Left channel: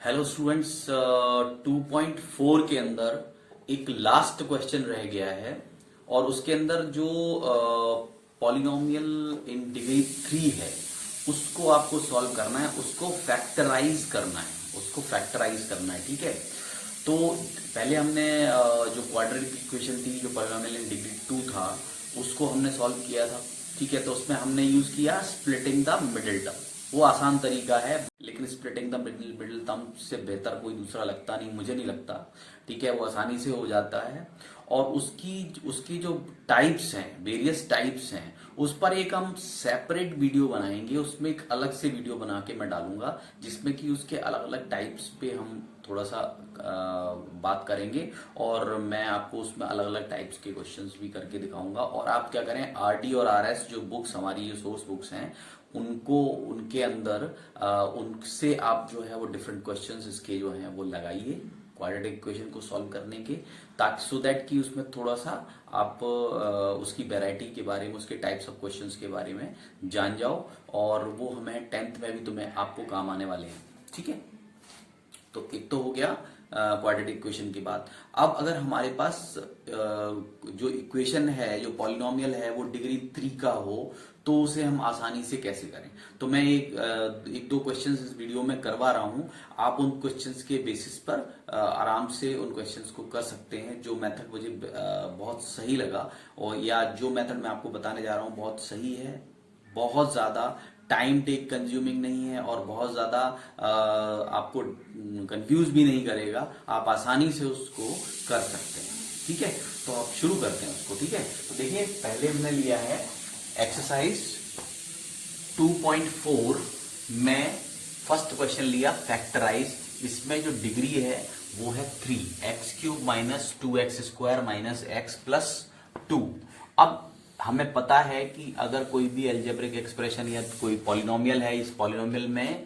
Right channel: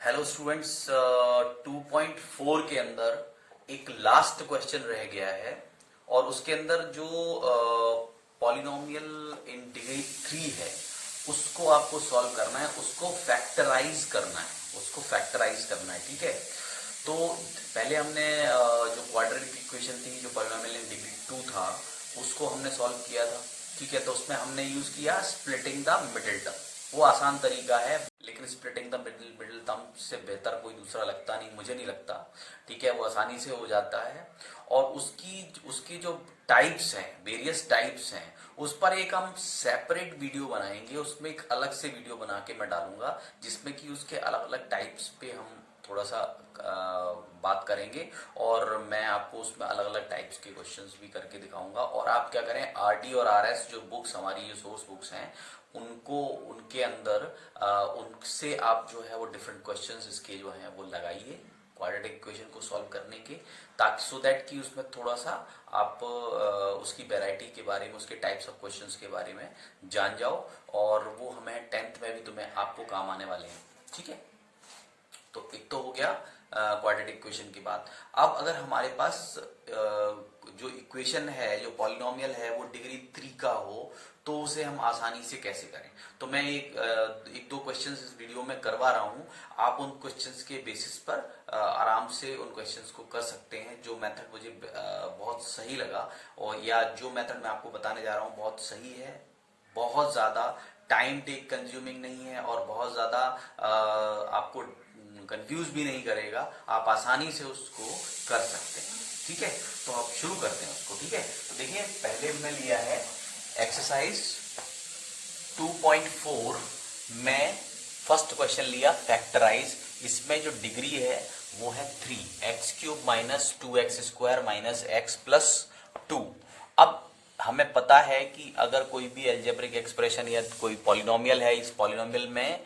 Hello students, 2.4 के अंदर एक लास्ट क्वेश्चन रह गया है और उसके अंदर जो पॉलिनोमियल इन डिग्री 3 है उसको आपको सॉल्व करना है, उसको फैक्टराइज करना है। ठीक है, तो पहले हमने जो क्वाड्रेटिक इक्वेशन थी, जो पॉलिनोमियल इन डिग्री 2 था, उसको हमने सॉल्व किया था। ठीक है, तो उसमें हमने यूज किया स्प्लिटिंग द मिडिल टर्म। वो आसान तरीका है, लेकिन स्प्लिटिंग द मिडिल टर्म से बेहतर कोई दूसरा लगता नहीं, मुझे नहीं लगता। ठीक है, वो आसानी से हो जाता है। और उसकी उसकी जो टाइप्स हैं, वेरियस टाइप्स हैं, उस पर एक हम सेपरेट वीडियो बनाएंगे। उसमें एक अलग से वीडियो बना के मैं डालूंगा, जिसमें कि उसके अलग अलग टाइप्स पे हम थोड़ा सा बात करेंगे और मैं आपको उसमें अलग अलग टाइप्स के क्वेश्चंस भी करके दिखाऊंगा। और आप क्या करें, आरटी और आरएस जो बुक्स, हमारी जो सोर्स बुक्स हैं, उनको उनके अंदर उनसे आप जो है वो डिफरेंट क्वेश्चंस इसके जो हैं वो लगाइए क्वाड्रेटिक इक्वेशन को सॉल्व करने के, ताकि सो दैट कि उसमें थोड़ा सा आप उसकी वैरायटी के बारे में, उसके टाइप्स ऑफ क्वेश्चंस के बारे में जान जाओ, और वो हमें 10th में भी तुम्हें आपको काम आने वाले हैं। ठीक है, तो एक तो हो गया क्वाड्रेटिक इक्वेशन की बात। अब अगर हमारे पास जो इक्वेशन है, जो पॉलिनोमियल है, वो डिग्री 3 का हो, तो उसे हम आसानी से कैसे करें। तो मैं एक दो क्वेश्चंस इस वीडियो में करवा रहा हूं। आप उन क्वेश्चंस के बेसिस पर आराम से उन क्वेश्चंस को कर सकते हैं। जो मेथड मुझे बहुत सही लगा, और या जो मेथड मैं आपको बताने जा रहा हूं बहुत सही है, बहुत ज्यादा टाइम टेक कंज्यूमिंग नहीं है, और बहुत ज्यादा आपको कंफ्यूज भी नहीं करेगा। आप आसानी से उसको कर सकते हैं। ठीक है, तो आप शुरू करते हैं उसको। ठीक है, तो देखिए पहले हमने लिया है एक्सरसाइज 2.4 में फर्स्ट क्वेश्चन लिया फैक्टराइज। इसमें जो डिग्री है वो है 3, x cube minus 2x² minus x plus 2। अब हमें पता है कि अगर कोई भी एल्जेब्रिक एक्सप्रेशन या कोई पॉलिनोमियल है, इस पॉलिनोमियल में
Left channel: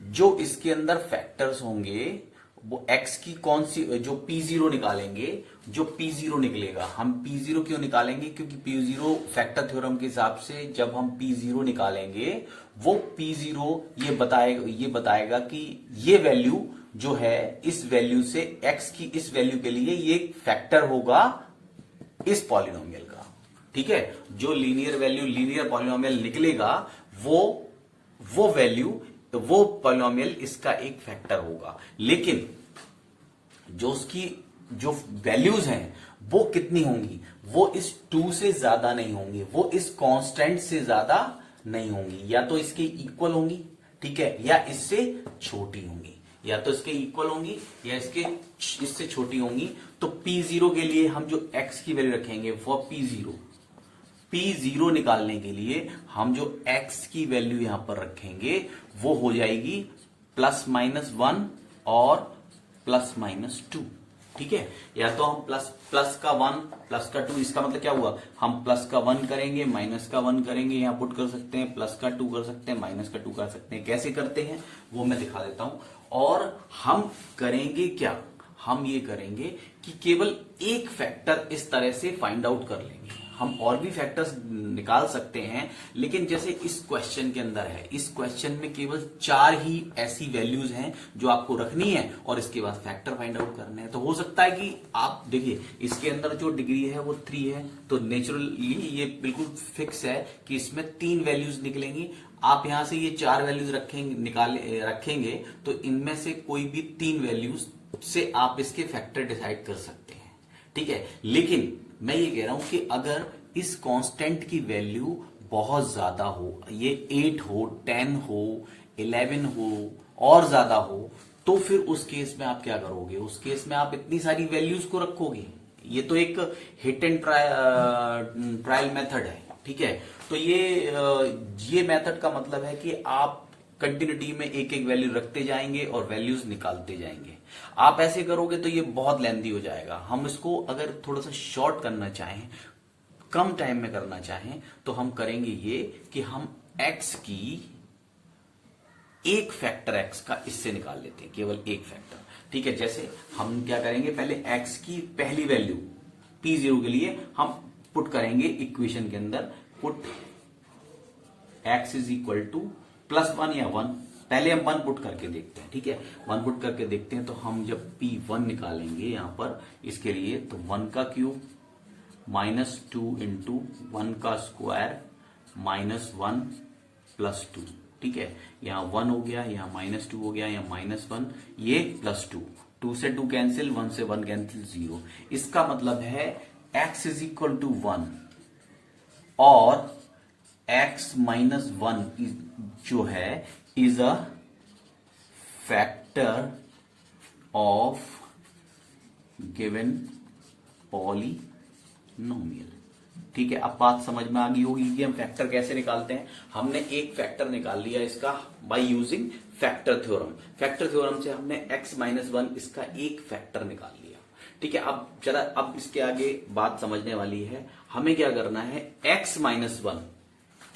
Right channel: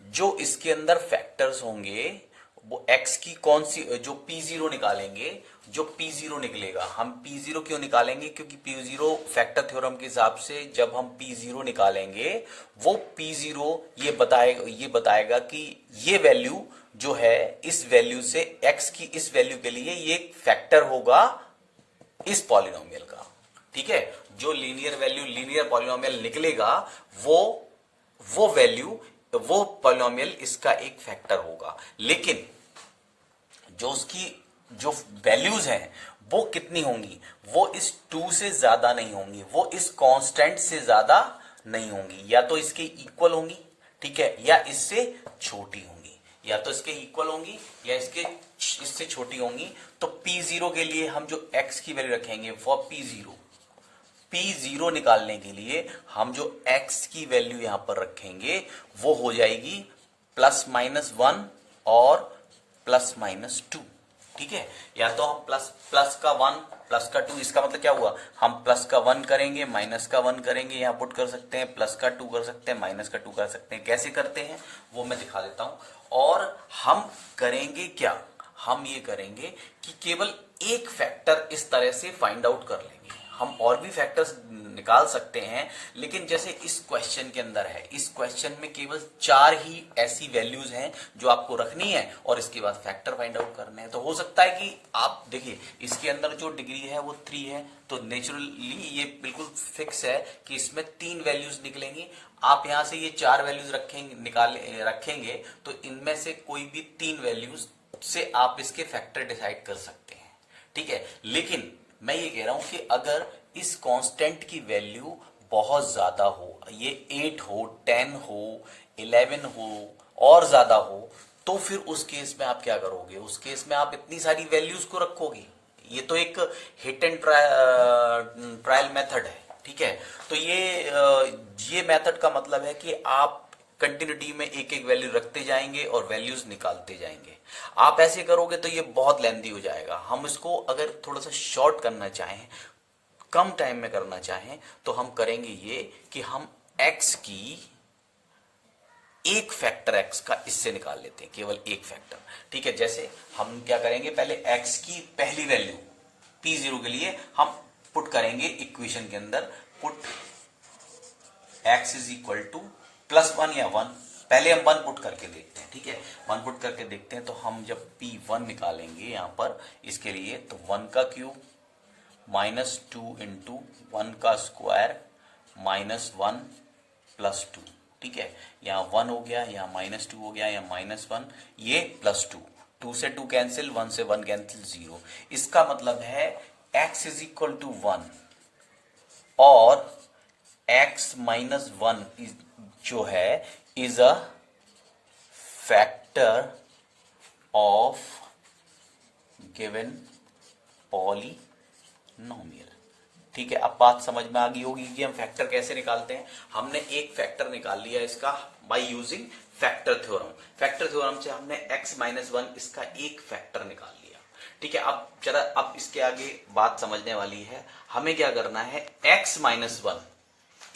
जो इसके अंदर फैक्टर्स होंगे वो x की कौन सी, जो p0 निकालेंगे, जो p0 निकलेगा, हम p0 क्यों निकालेंगे, क्योंकि p0 फैक्टर थ्योरम के हिसाब से जब हम p0 निकालेंगे, वो p0 ये बताएगा कि ये वैल्यू जो है, इस वैल्यू से x की इस वैल्यू के लिए ये फैक्टर होगा इस पॉलिनोमियल का। ठीक है, जो लीनियर वैल्यू, लीनियर पॉलिनोमियल निकलेगा, वो वैल्यू, वो पॉलिनोमियल इसका एक फैक्टर होगा। लेकिन जो उसकी जो वैल्यूज हैं वो कितनी होंगी, वो इस 2 से ज्यादा नहीं होंगी, वो इस कांस्टेंट से ज्यादा नहीं होंगी। या तो इसके इक्वल होंगी, ठीक है, या इससे छोटी होंगी, या तो इसके इक्वल होंगी या इससे छोटी होंगी। तो p0 के लिए हम जो x की वैल्यू रखेंगे वो p0 निकालने के लिए हम जो x की वैल्यू यहां पर रखेंगे वो हो जाएगी +-1 और +-2। ठीक है, या तो हम प्लस का 1 प्लस का 2, इसका मतलब क्या हुआ, हम प्लस का 1 करेंगे, माइनस का 1 करेंगे, यहां पुट कर सकते हैं, प्लस का 2 कर सकते हैं, माइनस का 2 कर सकते हैं। कैसे करते हैं वो मैं दिखा देता हूं। और हम करेंगे क्या, हम ये करेंगे कि केवल एक फैक्टर इस तरह से फाइंड आउट कर लेंगे। हम और भी फैक्टर्स निकाल सकते हैं, लेकिन जैसे इस क्वेश्चन के अंदर है, इस क्वेश्चन में केवल 4 ही ऐसी वैल्यूज हैं जो आपको रखनी है और इसके बाद फैक्टर फाइंड आउट करने हैं। तो हो सकता है कि आप देखिए इसके अंदर जो डिग्री है वो 3 है, तो नेचुरली ये बिल्कुल फिक्स है कि इसमें 3 वैल्यूज निकलेंगी। आप यहां से ये 4 वैल्यूज रखेंगे तो इनमें से कोई भी 3 वैल्यूज से आप इसके फैक्टर डिसाइड कर सकते हैं। ठीक है, लेकिन मैं ये कह रहा हूं कि अगर इस कांस्टेंट की वैल्यू बहुत ज्यादा हो, ये 8 हो, 10 हो, 11 हो और ज्यादा हो, तो फिर उस केस में आप क्या करोगे, उस केस में आप इतनी सारी वैल्यूज को रखोगे। ये तो एक हिट एंड ट्रायल मेथड है। ठीक है, तो ये मेथड का मतलब है कि आप कंटिन्यूटी में एक एक वैल्यू रखते जाएंगे और वैल्यूज निकालते जाएंगे। आप ऐसे करोगे तो ये बहुत लेंथी हो जाएगा। हम इसको अगर थोड़ा सा शॉर्ट करना चाहें, कम टाइम में करना चाहें, तो हम करेंगे ये कि हम x की एक फैक्टर x का इससे निकाल लेते हैं, केवल एक फैक्टर। ठीक है, जैसे हम क्या करेंगे, पहले x की पहली वैल्यू p0 के लिए हम पुट करेंगे इक्वेशन के अंदर, put x is equal to +1 या 1, पहले हम 1 पुट करके देखते हैं, ठीक है। 1 पुट करके देखते हैं तो हम जब P1 निकालेंगे यहां पर इसके लिए, तो 1 का क्यूब -2 इंटू 1 का स्क्वायर -1 +2, ठीक है। यहाँ 1 हो गया, यहाँ -2 हो गया, यहाँ -1, ये +2, 2 से 2 कैंसिल, 1 से 1 कैंसिल, 0। इसका मतलब है x इज इक्वल टू 1 और x -1 जो है is a factor of given polynomial, ठीक है। अब बात समझ में आ गई होगी कि हम फैक्टर कैसे निकालते हैं। हमने एक फैक्टर निकाल लिया इसका by using factor theorem. Factor theorem से हमने x -1 इसका एक फैक्टर निकाल लिया, ठीक है। अब इसके आगे बात समझने वाली है। हमें क्या करना है, x -1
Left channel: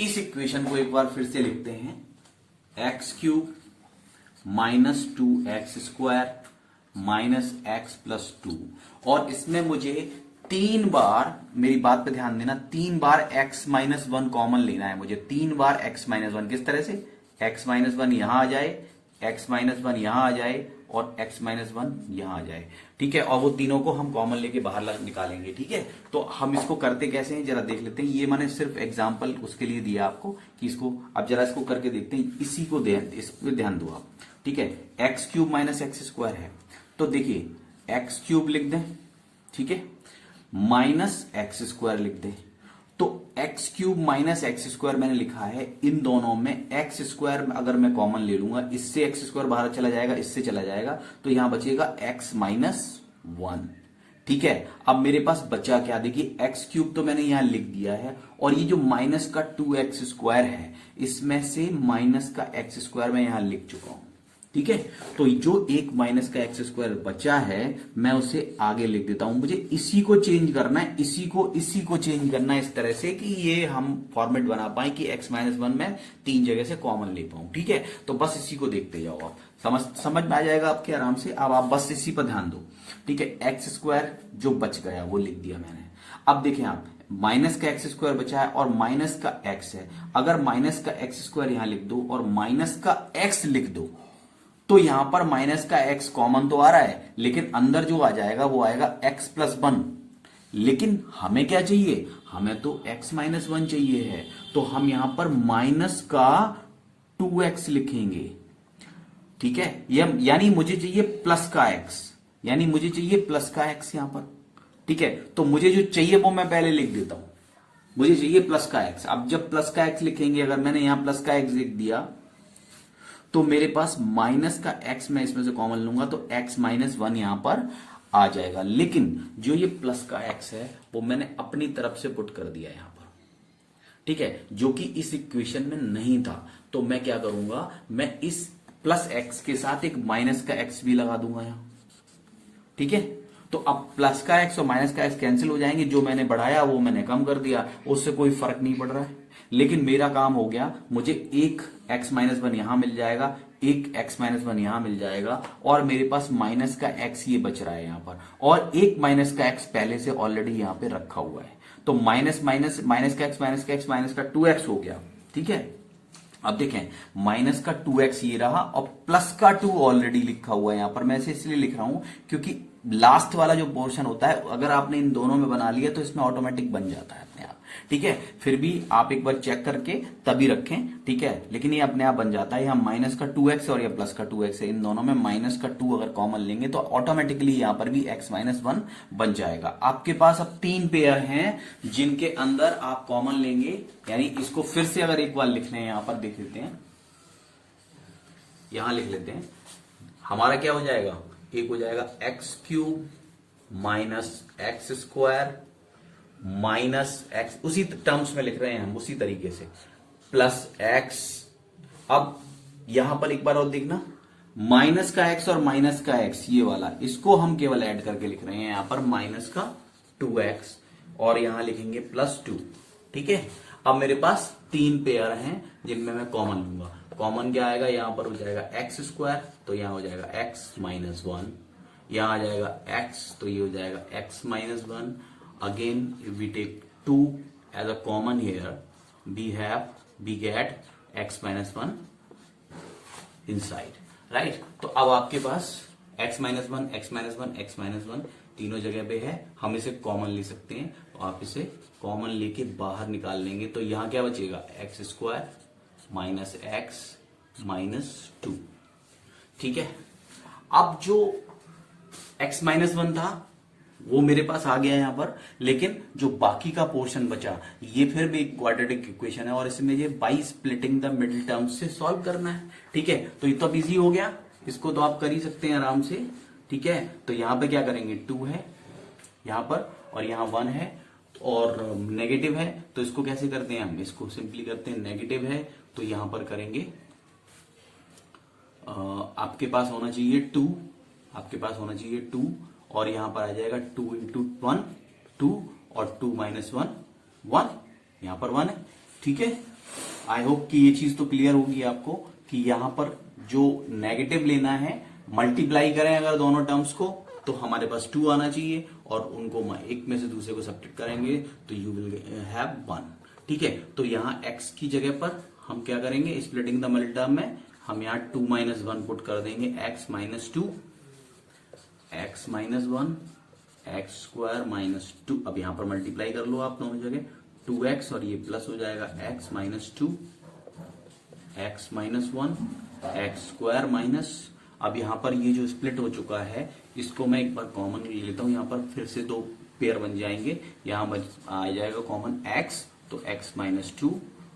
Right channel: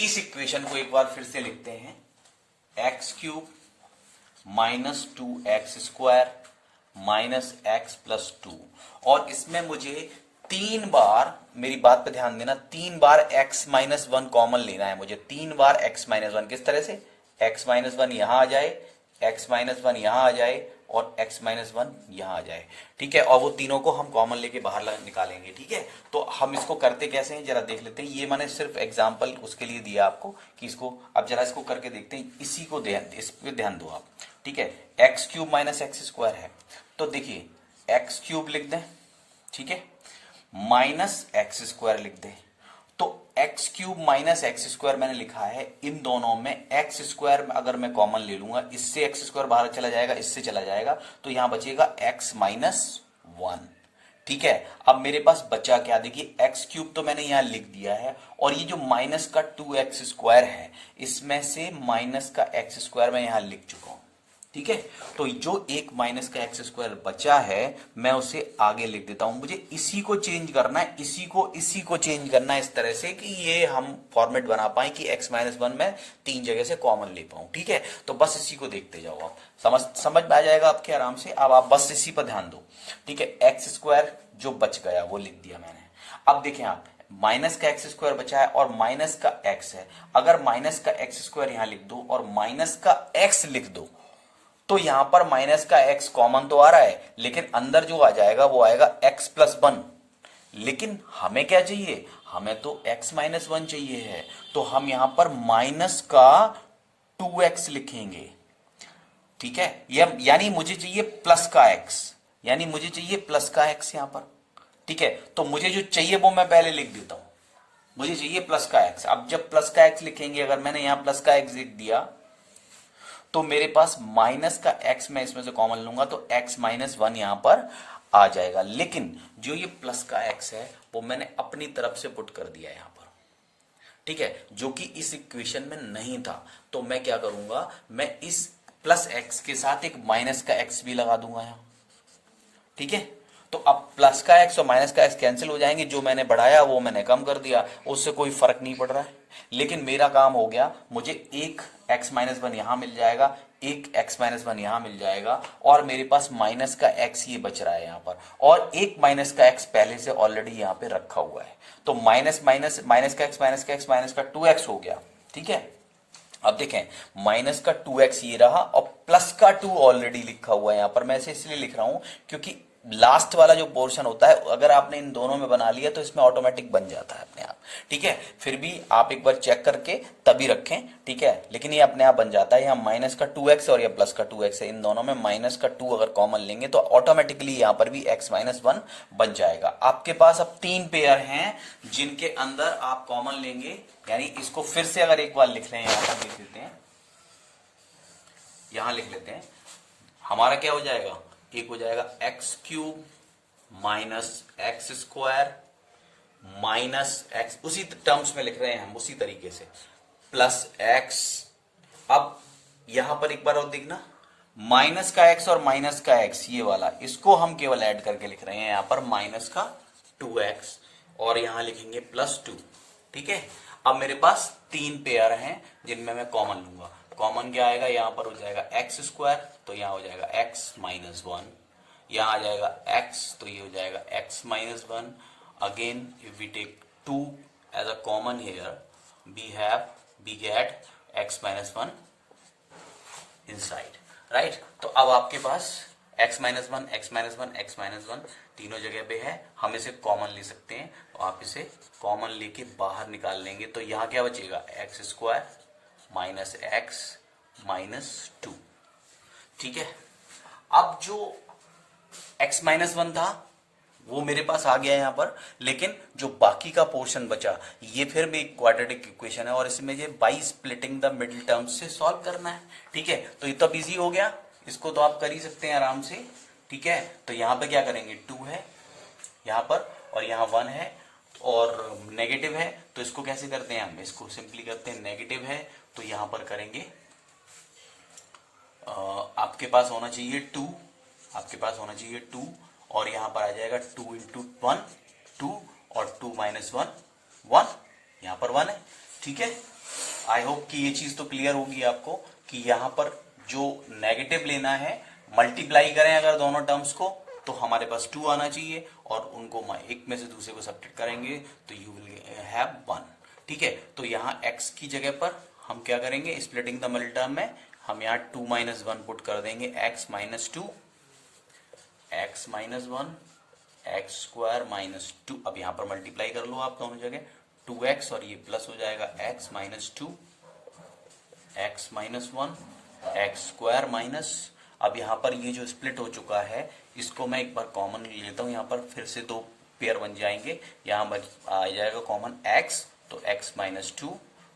इस इक्वेशन को एक बार फिर से लिखते हैं, x³ -2x² -x+2, और इसमें मुझे 3 बार, मेरी बात पे ध्यान देना, 3 बार x -1 कॉमन लेना है मुझे। 3 बार x -1 किस तरह से, x -1 यहां आ जाए, x -1 यहां आ जाए और x -1 यहां आ जाए, ठीक है। और वो तीनों को हम कॉमन लेके बाहर निकालेंगे, ठीक है। तो हम इसको करते कैसे हैं जरा देख लेते हैं। ये मैंने सिर्फ एग्जांपल उसके लिए दिया आपको कि इसको, अब जरा इसको करके देखते हैं। इसी को इस पे ध्यान दो आप, ठीक है। x³ -x² है, तो देखिए x³ लिख दें, ठीक है, -x² लिख दें। तो x³ -x² मैंने लिखा है, इन दोनों में x² अगर मैं कॉमन ले लूंगा, इससे x² बाहर चला जाएगा, इससे चला जाएगा, तो यहां बचेगा x -1, ठीक है। अब मेरे पास बचा क्या, देखिए x³ तो मैंने यहां लिख दिया है, और ये जो माइनस का 2x² है, इसमें से माइनस का x² मैं यहां लिख चुका हूं, ठीक है। तो जो एक माइनस का x² बचा है मैं उसे आगे लिख देता हूं। मुझे इसी को चेंज करना है, इसी को चेंज करना है इस तरह से कि ये हम फॉर्मेट बना पाए कि x -1 में 3 जगह से कॉमन ले पाऊं, ठीक है। तो बस इसी को देखते जाओ आप, समझ में आ जाएगा आपके आराम से। अब आप बस इसी पर ध्यान दो, ठीक है। x² जो बच गया वो लिख दिया मैंने। अब देखें आप, माइनस का x² बचा है और माइनस का x है। अगर माइनस का x² यहां लिख दो और माइनस का x लिख दो, तो यहां पर माइनस का x कॉमन तो आ रहा है, लेकिन अंदर जो आ जाएगा वो आएगा x+1। लेकिन हमें क्या चाहिए, हमें तो x -1 चाहिए है, तो हम यहां पर माइनस का 2x लिखेंगे, ठीक है। यानी मुझे चाहिए प्लस का x, यानी मुझे चाहिए प्लस का x यहां पर, ठीक है। तो मुझे जो चाहिए वो मैं पहले लिख देता हूं, मुझे चाहिए प्लस का x। अब जब प्लस का x लिखेंगे, अगर मैंने यहां प्लस का x लिख दिया, तो मेरे पास माइनस का x मैं इसमें से कॉमन लूंगा, तो x -1 यहां पर आ जाएगा। लेकिन जो ये प्लस का x है वो मैंने अपनी तरफ से पुट कर दिया यहां पर, ठीक है, जो कि इस इक्वेशन में नहीं था। तो मैं क्या करूंगा, मैं इस प्लस x के साथ एक माइनस का x भी लगा दूंगा यहां, ठीक है। तो अब प्लस का x और माइनस का x कैंसिल हो जाएंगे, जो मैंने बढ़ाया वो मैंने कम कर दिया, उससे कोई फर्क नहीं पड़ रहा है। लेकिन मेरा काम हो गया, मुझे एक x -1 यहां मिल जाएगा, एक x -1 यहां मिल जाएगा, और मेरे पास माइनस का x ये बच रहा है यहां पर, और एक माइनस का x पहले से ऑलरेडी यहां पे रखा हुआ है। तो माइनस का x -का 2x हो गया, ठीक है। अब देखें, माइनस का 2x ये रहा और प्लस का 2 ऑलरेडी लिखा हुआ है यहां पर। मैं इसे इसलिए लिख रहा हूं क्योंकि लास्ट वाला जो पोर्शन होता है, अगर आपने इन दोनों में बना लिया तो इसमें ऑटोमेटिक बन जाता है अपने आप, ठीक है। फिर भी आप एक बार चेक करके तभी रखें, ठीक है। लेकिन ये अपने आप बन जाता है। यहाँ माइनस का 2x और ये प्लस का 2x है, इन दोनों में माइनस का 2 अगर कॉमन लेंगे तो ऑटोमेटिकली यहां पर भी x -1 बन जाएगा। आपके पास अब 3 पेयर हैं जिनके अंदर आप कॉमन लेंगे, यानी इसको फिर से अगर एक बार लिख रहे हैं, यहां पर लिख लेते हैं, यहां लिख लेते हैं। हमारा क्या हो जाएगा, एक हो जाएगा x³ -x² -x, उसी टर्म्स में लिख रहे हैं हम, उसी तरीके से, प्लस x। अब यहां पर एक बार और देखना, माइनस का x और माइनस का x ये वाला, इसको हम केवल ऐड करके लिख रहे हैं यहां पर, माइनस का 2x, और यहां लिखेंगे +2, ठीक है। अब मेरे पास 3 पेयर हैं जिनमें मैं कॉमन लूंगा। कॉमन क्या आएगा, यहां पर हो जाएगा x², तो यहां हो जाएगा x -1, यहां आ जाएगा x, तो ये हो जाएगा x -1। Again if we take 2 as a common here, we get x -1 inside, right. तो अब आपके पास x minus one, x minus one, x minus one तीनों जगह पे है, हम इसे कॉमन ले सकते हैं, तो आप इसे कॉमन लेके बाहर निकाल लेंगे, तो यहां क्या बचेगा, x square minus x minus two. ठीक है, अब जो x माइनस वन था वो मेरे पास आ गया यहां पर, लेकिन जो बाकी का पोर्शन बचा ये फिर भी एक क्वाड्रेटिक इक्वेशन है और इसमें ये by splitting the middle terms से सॉल्व करना है। ठीक है, तो ये तो इजी हो गया, इसको तो आप कर ही सकते हैं आराम से। ठीक है, तो यहां पे क्या करेंगे, 2 है यहां पर और यहां 1 है और नेगेटिव है, तो इसको कैसे करते हैं हम, इसको सिंपली करते हैं, नेगेटिव है तो यहां पर करेंगे आपके पास होना चाहिए 2, आपके पास होना चाहिए 2 और यहां पर आ जाएगा 2 इंटू 1 2 और 2 माइनस 1 1, यहां पर 1 है। ठीक है, आई होप कि ये चीज तो क्लियर होगी आपको कि यहां पर जो नेगेटिव लेना है, मल्टीप्लाई करें अगर दोनों टर्म्स को तो हमारे पास 2 आना चाहिए और उनको एक में से दूसरे को सब्ट्रैक्ट करेंगे तो यू विल हैव 1। ठीक है, तो यहां x की जगह पर हम क्या करेंगे, स्प्लिटिंग द मिडिल टर्म में हम यहां 2 माइनस 1 पुट कर देंगे, x minus 2 x minus 1 x square minus 2। अब यहां पर मल्टीप्लाई कर लो आप दोनों जगह, 2x और ये प्लस हो जाएगा x minus 2 x minus 1 x square minus, अब यहां पर ये जो स्प्लिट हो चुका है इसको मैं एक बार कॉमन ले लेता हूं, यहां पर फिर से 2 पेयर बन जाएंगे, यहां आ जाएगा कॉमन x, तो x माइनस 2,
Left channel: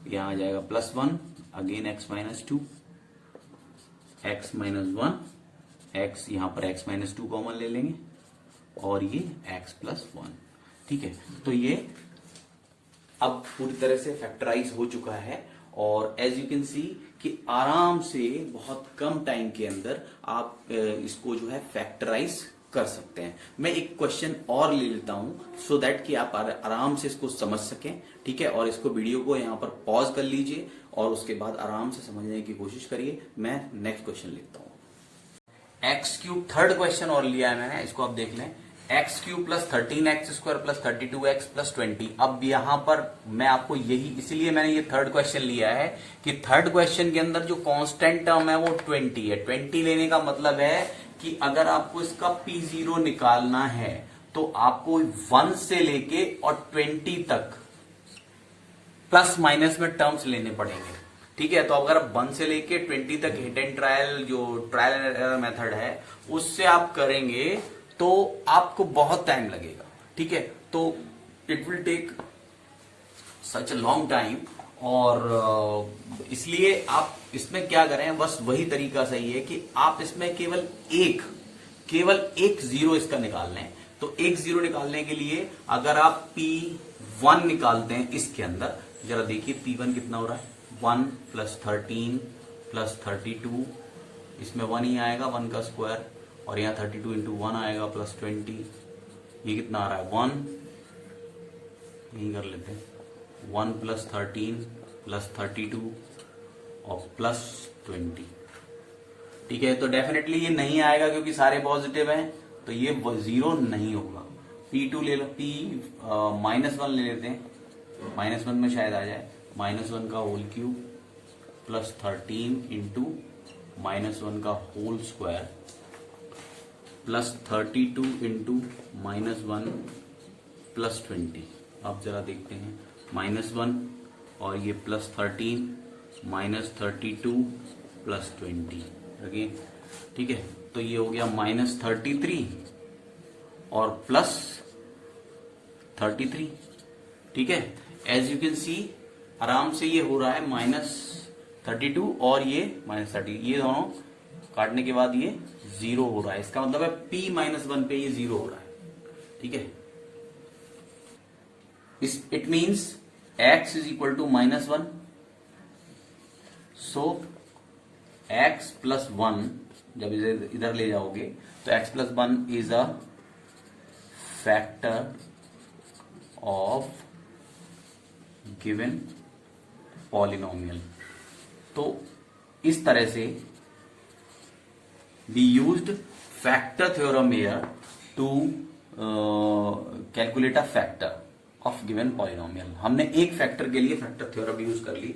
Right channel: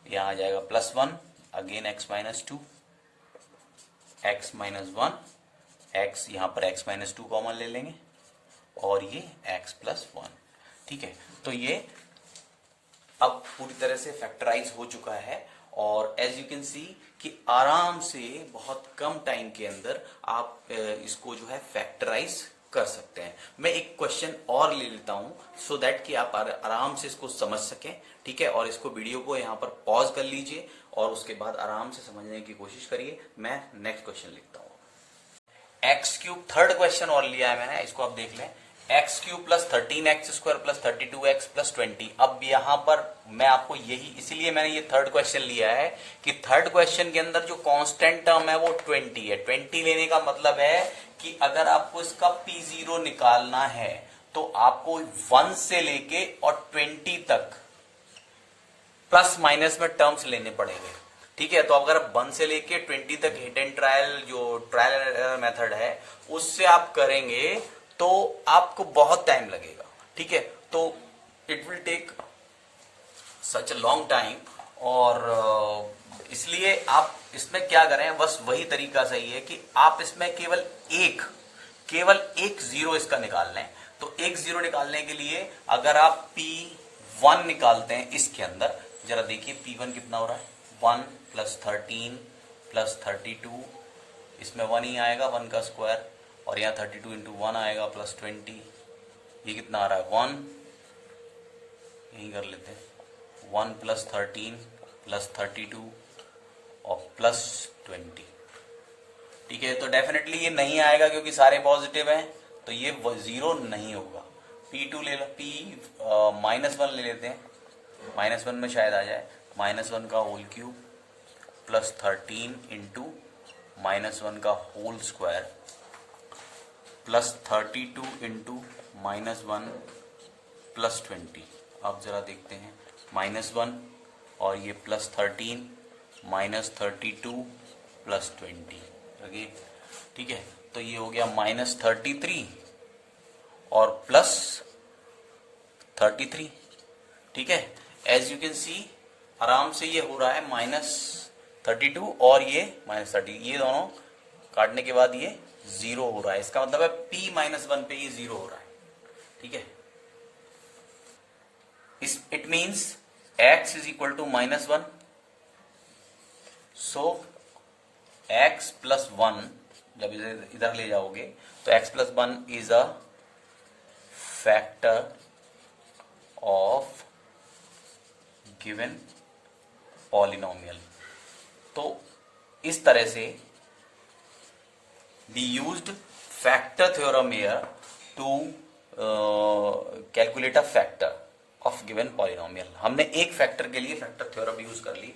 यहां आ जाएगा plus 1 again x minus 2 x minus 1 x, यहां पर x माइनस 2 कॉमन ले लेंगे और ये x प्लस 1। ठीक है, तो ये अब पूरी तरह से फैक्टराइज हो चुका है और एज यू कैन सी कि आराम से बहुत कम टाइम के अंदर आप इसको जो है फैक्टराइज कर सकते हैं। मैं एक क्वेश्चन और ले लेता हूं सो दैट कि आप आराम से इसको समझ सकें। ठीक है, और इसको वीडियो को यहां पर पॉज कर लीजिए और उसके बाद आराम से समझने की कोशिश करिए। मैं नेक्स्ट क्वेश्चन लिखता हूं, एक्स क्यूब, थर्ड क्वेश्चन और लिया है मैंने, इसको आप देख लें, x cube plus 13x square plus 32x plus 20। अब यहां पर मैं आपको यही, इसीलिए मैंने ये थर्ड क्वेश्चन लिया है कि थर्ड क्वेश्चन के अंदर जो कांस्टेंट टर्म है वो 20 है। 20 लेने का मतलब है कि अगर आपको इसका P0 निकालना है तो आपको 1 से लेके और 20 तक प्लस माइनस में टर्म्स लेने पड़ेंगे। ठीक है, तो अगर 1 से लेके 20 तक हिट एंड ट्रायल, जो ट्रायल एंड एरर मेथड है उससे आप करेंगे तो आपको बहुत टाइम लगेगा। ठीक है, तो it will take such a long time और इसलिए आप इसमें क्या करें, बस वही तरीका सही है कि आप इसमें केवल एक जीरो इसका निकाल लें। तो एक जीरो निकालने के लिए अगर आप P1 निकालते हैं इसके अंदर, जरा देखिए P1 कितना हो रहा है, 1 प्लस 13 प्लस 32, इसमें 1 ही आएगा, 1 का स्क्वायर, और यहाँ 32 इंटू 1 आएगा प्लस 20, ये कितना आ रहा है 1, यही कर लेते हैं, 1 प्लस 13 प्लस 32 और प्लस 20। ठीक है, तो डेफिनेटली ये नहीं आएगा क्योंकि सारे पॉजिटिव हैं, तो ये जीरो नहीं होगा। P2 ले लो, P माइनस 1 ले लेते हैं, माइनस 1 में शायद आ जाए, माइनस 1 का whole cube plus 13 into minus 1 का whole square plus 32 into minus 1 plus 20। अब जरा देखते हैं, माइनस 1 और ये प्लस 13 माइनस 32 प्लस 20 अगेन। ठीक है, तो ये हो गया माइनस 33 और प्लस 33। ठीक है, एज यू कैन सी आराम से ये हो रहा है माइनस 32 और ये माइनस 30, ये दोनों काटने के बाद ये जीरो हो रहा है, इसका मतलब है P माइनस 1 पे ये जीरो हो रहा है। ठीक है, it means x is equal to minus 1, so x plus 1 जब इसे इधर ले जाओगे तो x plus 1 is a factor of given polynomial. तो इस तरह से we used factor theorem here to calculate a factor of given polynomial। हमने एक फैक्टर के लिए फैक्टर थ्योरम यूज कर ली।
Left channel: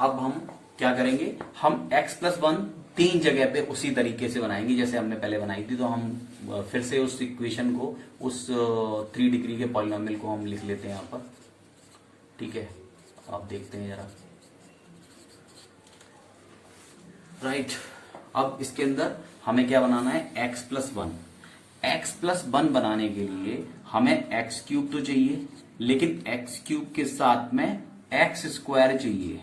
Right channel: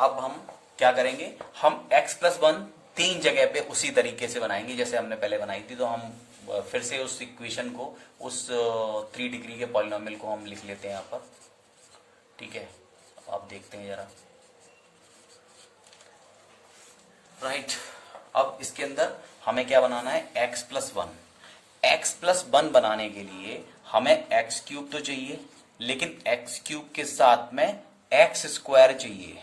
अब हम क्या करेंगे, हम x प्लस 1 3 जगह पे उसी तरीके से बनाएंगे जैसे हमने पहले बनाई थी। तो हम फिर से उस इक्वेशन को, उस 3 डिग्री के पॉलिनोमियल को हम लिख लेते हैं यहाँ पर, ठीक है। आप देखते हैं जरा, राइट। अब इसके अंदर हमें क्या बनाना है, x प्लस 1। x प्लस 1 बनाने के लिए हमें x क्यूब तो चाहिए, लेकिन x क्यूब के साथ में x स्क्वायर चाहिए,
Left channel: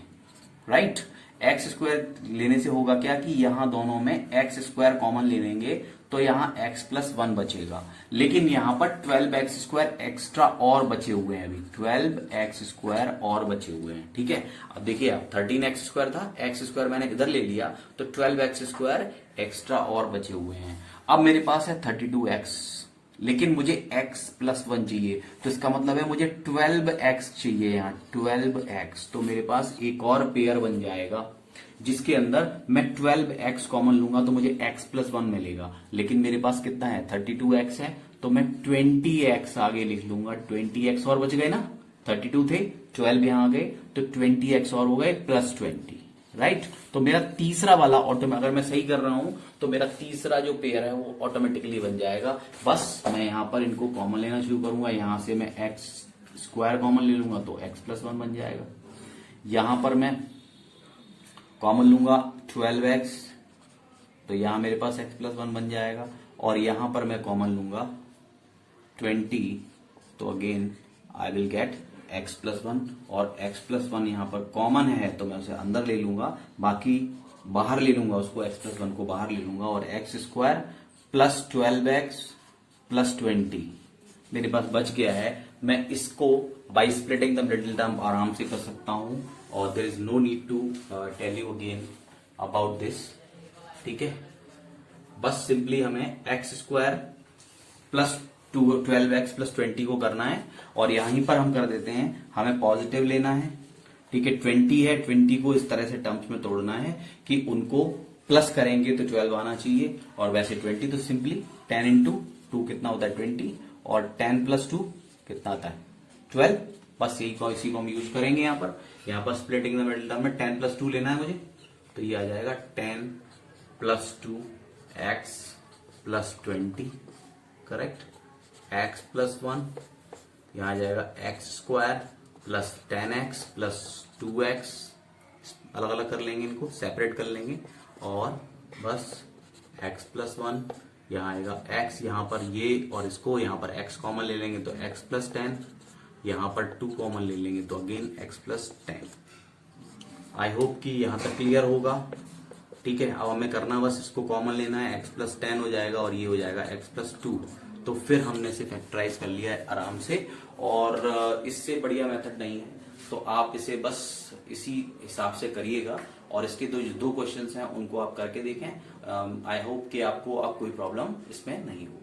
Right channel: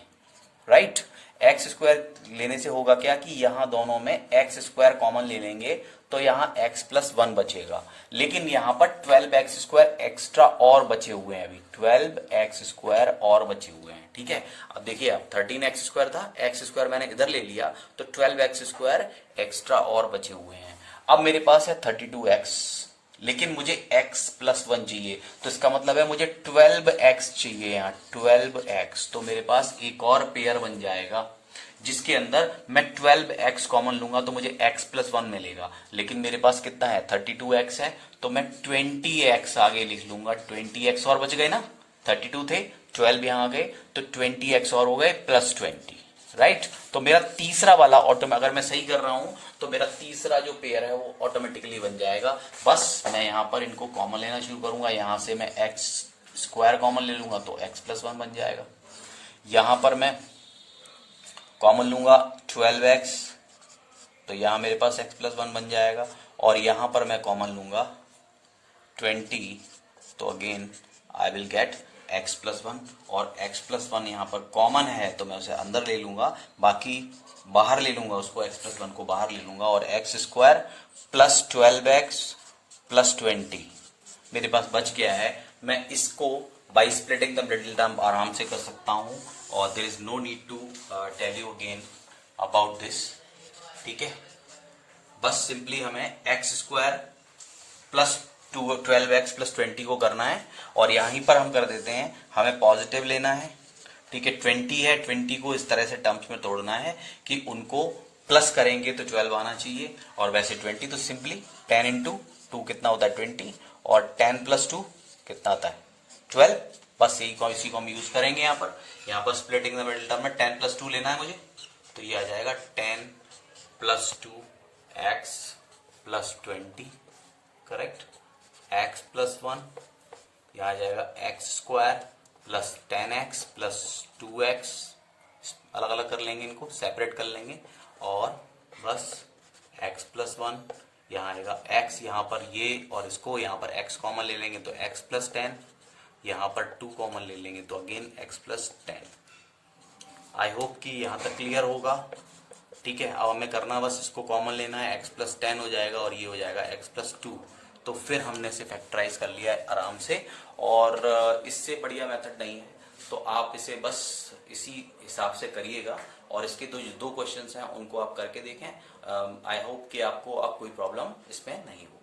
राइट। x स्क्वायर लेने से होगा क्या कि यहां दोनों में x स्क्वायर कॉमन ले लेंगे तो यहां x प्लस 1 बचेगा, लेकिन यहां पर 12x स्क्वायर एक्स्ट्रा और बचे हुए हैं, अभी 12x स्क्वायर और बचे हुए हैं, ठीक है। अब देखिए, अब 13x स्क्वायर था, x स्क्वायर मैंने इधर ले लिया तो 12x स्क्वायर एक्स्ट्रा और बचे हुए हैं। अब मेरे पास है 32x, लेकिन मुझे x प्लस 1 चाहिए, तो इसका मतलब है मुझे 12x चाहिए, यहाँ 12x। तो मेरे पास एक और पेयर बन जाएगा जिसके अंदर मैं 12x कॉमन लूंगा तो मुझे x प्लस 1 मिलेगा, लेकिन मेरे पास कितना है, 32x है, तो मैं 20x आगे लिख लूंगा। 20x और बच गए ना, 32 थे, 12 यहां आ गए तो 20x और हो गए प्लस 20, राइट। तो मेरा तीसरा वाला अगर मैं सही कर रहा हूं तो मेरा तीसरा जो पेयर है वो ऑटोमेटिकली बन जाएगा। बस मैं यहां पर इनको कॉमन लेना शुरू करूंगा, यहां से मैं x स्क्वायर कॉमन ले लूंगा तो x प्लस 1 बन जाएगा। यहां पर मैं कॉमन लूंगा 12x, तो यहां मेरे पास x प्लस 1 बन जाएगा, और यहां पर मैं कॉमन लूंगा 20, तो again I will get x plus 1, और x प्लस 1 यहाँ पर कॉमन है तो मैं उसे अंदर ले लूंगा, बाकी बाहर ले लूंगा उसको, x प्लस 1 को बाहर ले लूंगा, और x square plus 12x plus 20 मेरे पास बच गया है। मैं इसको by splitting the middle term आराम से कर सकता हूं, और there is no need to tell you again about this, ठीक है। बस सिंपली हमें x square plus 12x plus 20 को करना है, और यहीं पर हम कर देते हैं, हमें पॉजिटिव लेना है, ठीक है। 20 है, 20 को इस तरह से टर्म्स में तोड़ना है कि उनको प्लस करेंगे तो 12 आना चाहिए, और वैसे 20 तो सिंपली 10 इंटू 2 कितना होता है 20, और 10 प्लस 2 कितना आता है 12। बस इसी को हम यूज करेंगे यहाँ पर स्प्लिटिंग द मिडिल टर्म में 10 प्लस 2 लेना है मुझे, तो ये आ जाएगा 10 plus 2 x plus 20, correct. x plus 1 यहाँ आ जाएगा x square plus 10x plus 2x, अलग अलग कर लेंगे, इनको सेपरेट कर लेंगे, और बस x प्लस 1 यहाँ आएगा x, यहाँ पर ये और इसको यहाँ पर x कॉमन ले लेंगे तो x प्लस 10, यहाँ पर 2 कॉमन ले लेंगे तो again x plus 10। I hope कि यहाँ तक क्लियर होगा, ठीक है। अब हमें करना बस इसको कॉमन लेना है, x प्लस 10 हो जाएगा और ये हो जाएगा x प्लस 2, तो फिर हमने इसे फैक्टराइज कर लिया है आराम से, और इससे बढ़िया मेथड नहीं है, तो आप इसे बस इसी हिसाब से करिएगा, और इसके दो क्वेश्चंस हैं उनको आप करके देखें। आई होप कि आपको अब कोई प्रॉब्लम इसमें नहीं हो।